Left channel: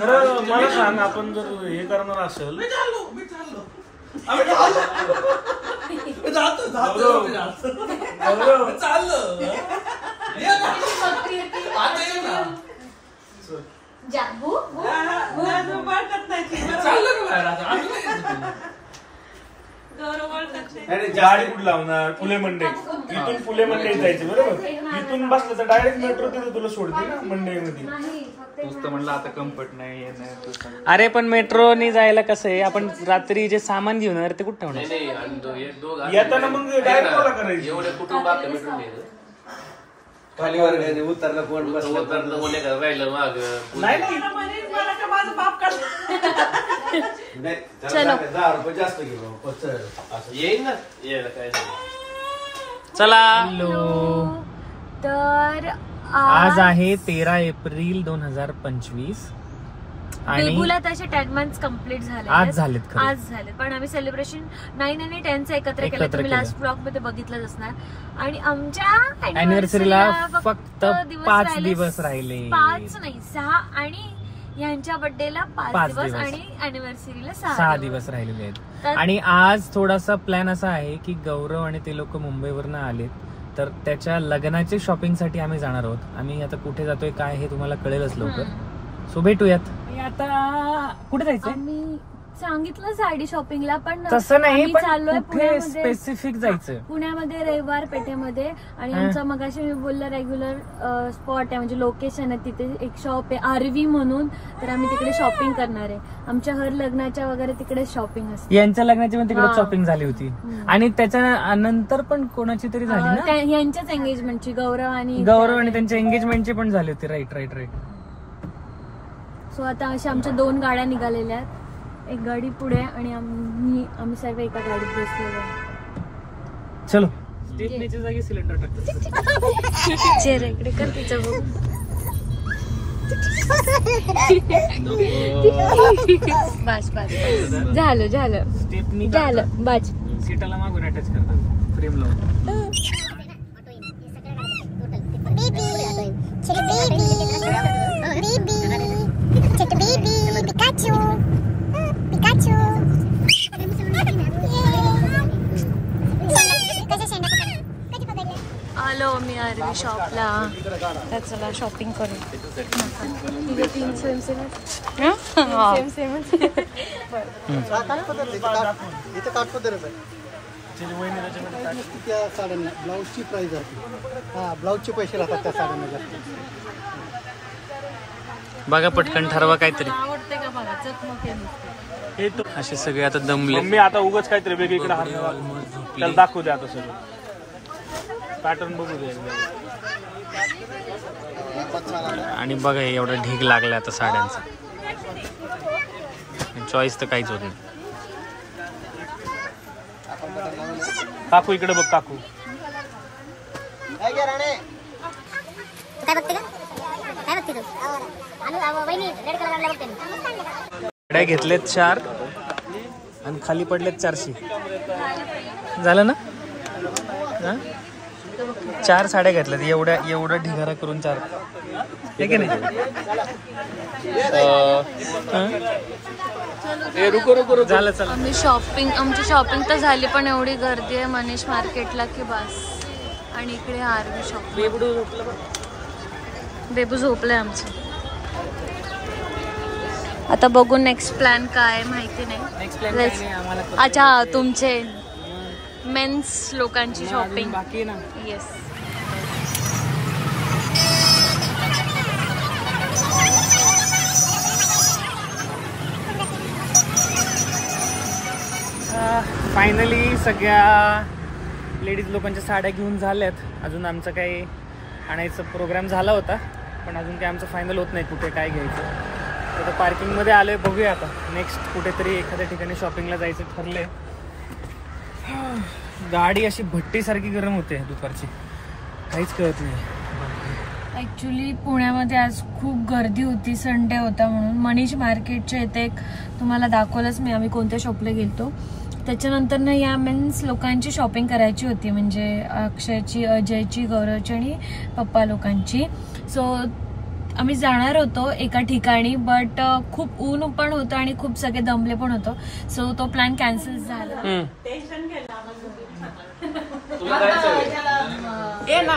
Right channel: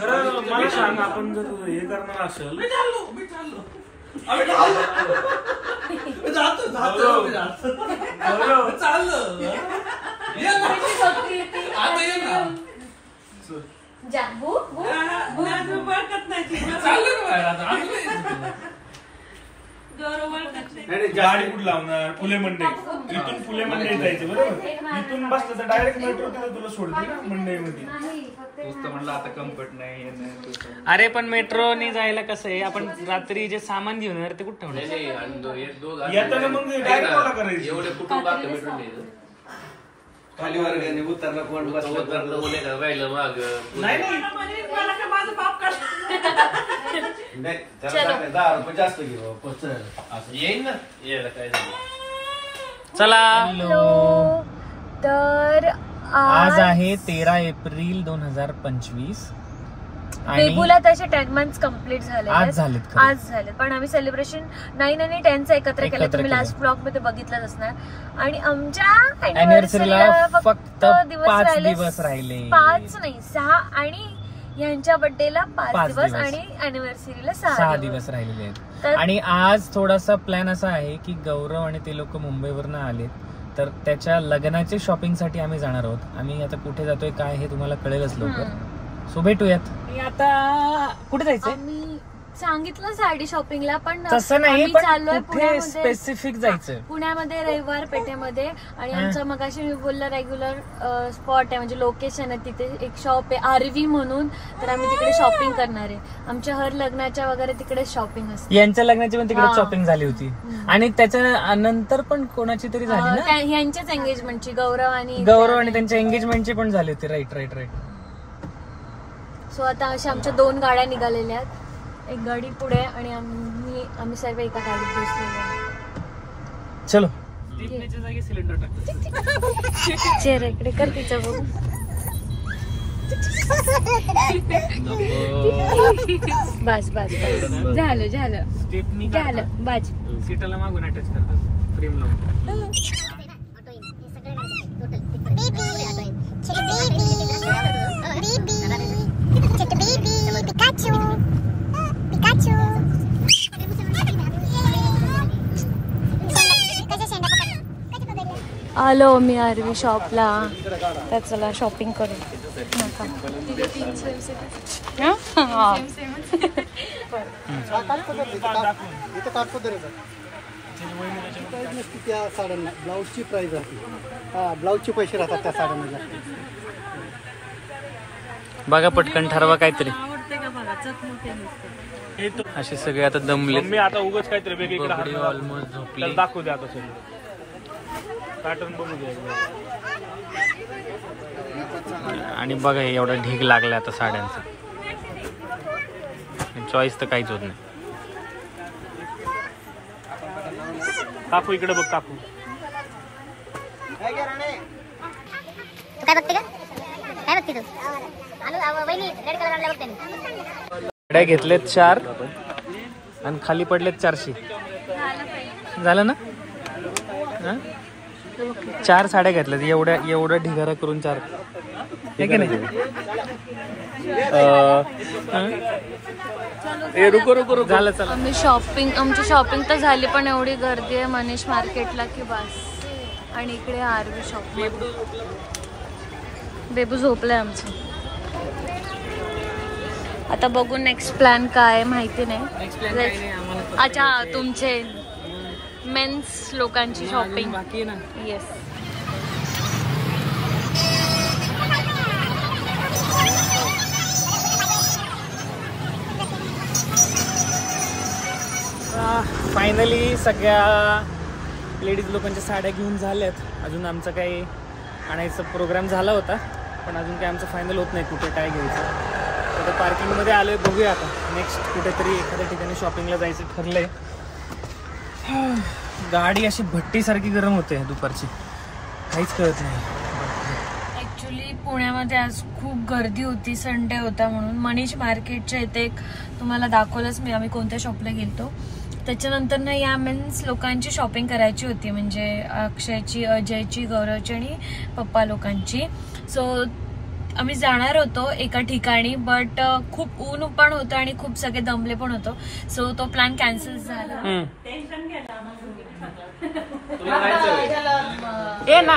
खरं मला सांग, आपण जर हे करणार असेल गाडी कुठं लावणार? फुले मंडई. इथून फुले मंडई जायचं बरोबर. इथून बसलं तर डायरेक्ट मेट्रो तिथं तुला सोडते ना मंडईमध्ये. म्हणलं आता कम्फर्ट नाही. अरे पण मेट्रोने जायला कसं आहे, आपण रात्री जे सामान घेऊन येणार ते कुठं ठेवणार? येताना मग डायरेक्ट मला करायचं. एवढे कुटुंब खाली वर्गाने उतरला कोण बसला राहिलं माग. नाही जास्त घेऊ येईल ना. काय चला. तर आज आहे 13 एप्रिल 2025 आणि बेबूला त्याचे 10 months कम्प्लीट झाले. आज झालेत. पण आम्ही सेलिब्रेशन 9 आणि 10 एकत्र केलं. तुम्ही लास्ट ब्लॉग मध्ये बघितलंच असणार. आणि आमच्या अॅनिव्हर्सरीला फक्त 5 दिवस राहिले. 5 नाही 6 आणि यांच्या बर्थडेला 5 दिवस आणि अॅनिव्हर्सरीला 6 दिवस राहिलेले आहेत. आणि आज थोडासा प्लॅन असा आहे की गौरव आणि ते लोक मुंबईवरनं आलेत, तर त्याच्या लग्नाचे शॉपिंग साठी आम्ही जाणार आहोत. आम्ही आता कुठे जातोय काय हे तुम्हाला कळेलच लवकर. सो भेटूयात. आता कुठे जायचंय? आम्ही सांगितलं साडी शॉपिंगला, पण तसं नाही, चाललोय कुठे स्पेसिफिक जायचं पुण्यामध्ये रविवार पेठेमध्ये. आणि आमचं मगाशी मी बोललं रेग्युलर स्पॉट आहे, म्हणजे लोकेशन आहे. तिथे एक शॉप आहे आरवी म्हणून, तर आम्ही तिकडे शॉपिंग करणार आहे. आमच्या हर लग्नाच्या वगैरे तिकडे शॉपिंग असते. यांच्या लग्नाची पण तिकडे शॉपिंग झाली होती आणि त्याच्या नंतर पण कोणाची तरी झाली ना, यांच्याच एंगेजमेंटची. गौरव आणि त्यांच्या एंगेजमेंटची पण झाली होती. राईट. सो आता अशा आमच्या 2 गाड्या निघालेल्या आहेत. एक गाडी पुढे आणि आम्ही सर्व एका गाडीत बसलेलो. चलो. चेहरा इकडे कर तिचा बघू. बस झालं बस. सीटाला मागून अटॅच करतात फ्रेम लावून. आलो मी आरवी शॉपला. तर चला शॉपिंग करू. त्या साड्यांना ब्लाऊजची प्राइस असते. ब्लाऊजचे पैसे राहतात त्या साड्यांना. बघा पटकन ठरवा काहीतरी. असे सगळे आता दमले. मी आता उगाच काहीतरी वेगळी ऑलमोस्ट झोपले. दाखवू द्या आता सगळं पॅटर्न बघू द्या. आणि बघा एवढा ढीग लागला आता साड्यांचा. चॉईस तर काहीच होत नाही. काकू इकडे बघ. काकू काय बघते का? काय बघते तू? साड्या घेतलेत 4 आणि खाली पडलेत 400. झालं ना? 4 साड्या घेतल्यात. एवढ्या ढिगारा करून 4 हे की नाही? झालं. चला. आमची शॉपिंग तर झाली, पण एवढी गर्दी आहे मनीष मार्केटला की बस. आणि इकडे आरवी शॉप. बेबू झोपलाय आमचं. आता बघू नेक्स्ट प्लॅन काय माहिती नाही. अच्छा, तुमचे मेन्स लोकांची शॉपिंग बाकी आहे ना. येस. फायनली सगळ्या लेडीज लोकांच्या साड्या घेऊन झाल्यात. अजून आमचा काही आणायचा प्रोग्राम झाला होता, पण अजून काही आमचं फायनल होत नाही कुठे काय घ्यायचं. तर पार्किंगमध्ये आलोय. बघूया आता नेक्स्ट कुठेतरी एखाद्या ठिकाणी शॉपिंगला जायचं ठरलंय. गाडी अशी भट्टीसारखी गरम होते दुपारची, काहीच कळत नाही. ऍक्च्युली पुण्यामध्ये आज खूप गर्दी होती, संडे होता म्हणून. मनीष मार्केटच्या इथे तुम्हाला दाखवलंच मी आम्ही कोणत्या शॉपला गेलतो. त्याच्यानंतर ना या मेन्स लोकांची शॉपिंग करायची होती, म्हणजे अक्षयची, अजयची, गौरवची आणि पप्पा लोकांची. सो आम्ही जाणार होतो एका ठिकाणी, बट खूप ऊन पण होतं आणि खूप सगळे दमले पण होतो, सो तो प्लॅन कॅन्सल झाला. तुला जायचं ए ना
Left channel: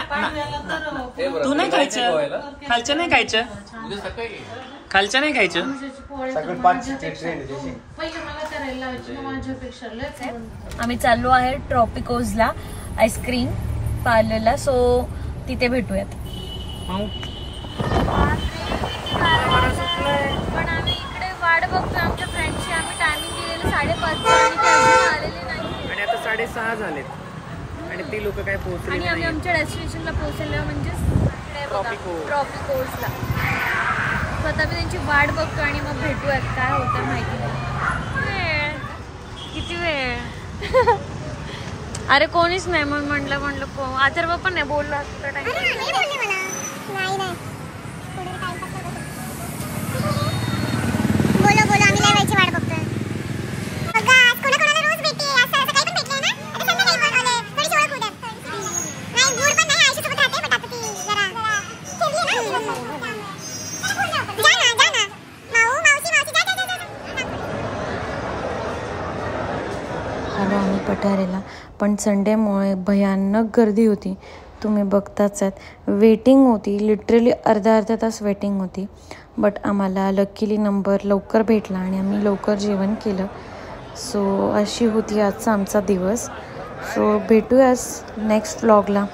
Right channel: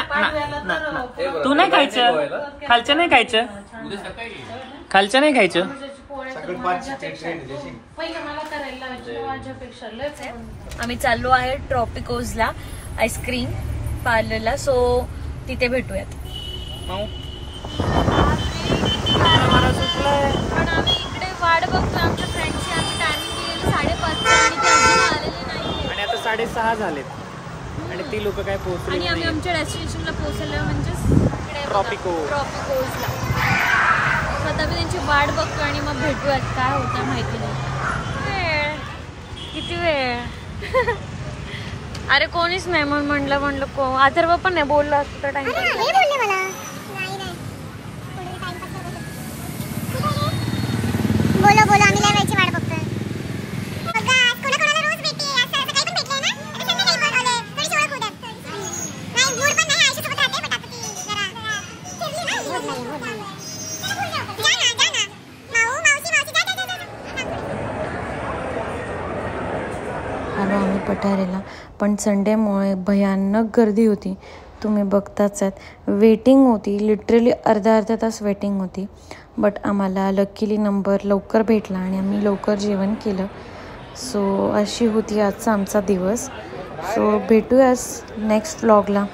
तू नाही खायचं, खालचं नाही खायचं, खालचं नाही खायचं. आम्ही चाललो आहे ट्रॉपिकोजला आईस्क्रीम पार्लरला, सो तिथे भेटूयात. पण आम्ही इकडे वाट बघतोय आमच्या फ्रेंडची. आम्ही टायमिंग दिलेलं 5:30 आणि ते अजून आलेले नाही आणि आता 6:30 झालेत आणि ती लोक काय पोहोचले आणि आम्ही आमच्या डेस्टिनेशनला पोहोचलो, म्हणजेच इकडे बघा ट्रॉपिकोजला. स्वतः मी त्यांची वाट बघतो आणि मग भेटूयात. काय होतं माहिती नाही. वेळ किती वेळ अरे कोणीच नाही म्हणून म्हणलं अथर्व पण नाही बोललो असतो तर टाइम. बोलो बोलो आम्ही लय वेळची वाट बघतोय. बघा आज कोणाकोणाला रोज भेटते, आज सकाळी पण भेटले ना, आता संध्याकाळी पण आले, थोडीशी ओळख होऊ द्या. नाही गुड पण नाही, आईच्या सोबत राहते, पण आता ती जरा जा ना माऊ मावशी जा. आलो आम्ही पठारेला, पण संडेमुळे भयानक गर्दी होती. तुम्ही बघताच आहेत, वेटिंग होती, लिटरली अर्धा तास वेटिंग होती. बट आम्हाला लकीली नंबर लवकर भेटला आणि आम्ही लवकर जेवण केलं. सो अशी होती आजचा आमचा दिवस. सो भेटूयाच नेक्स्ट व्लॉगला.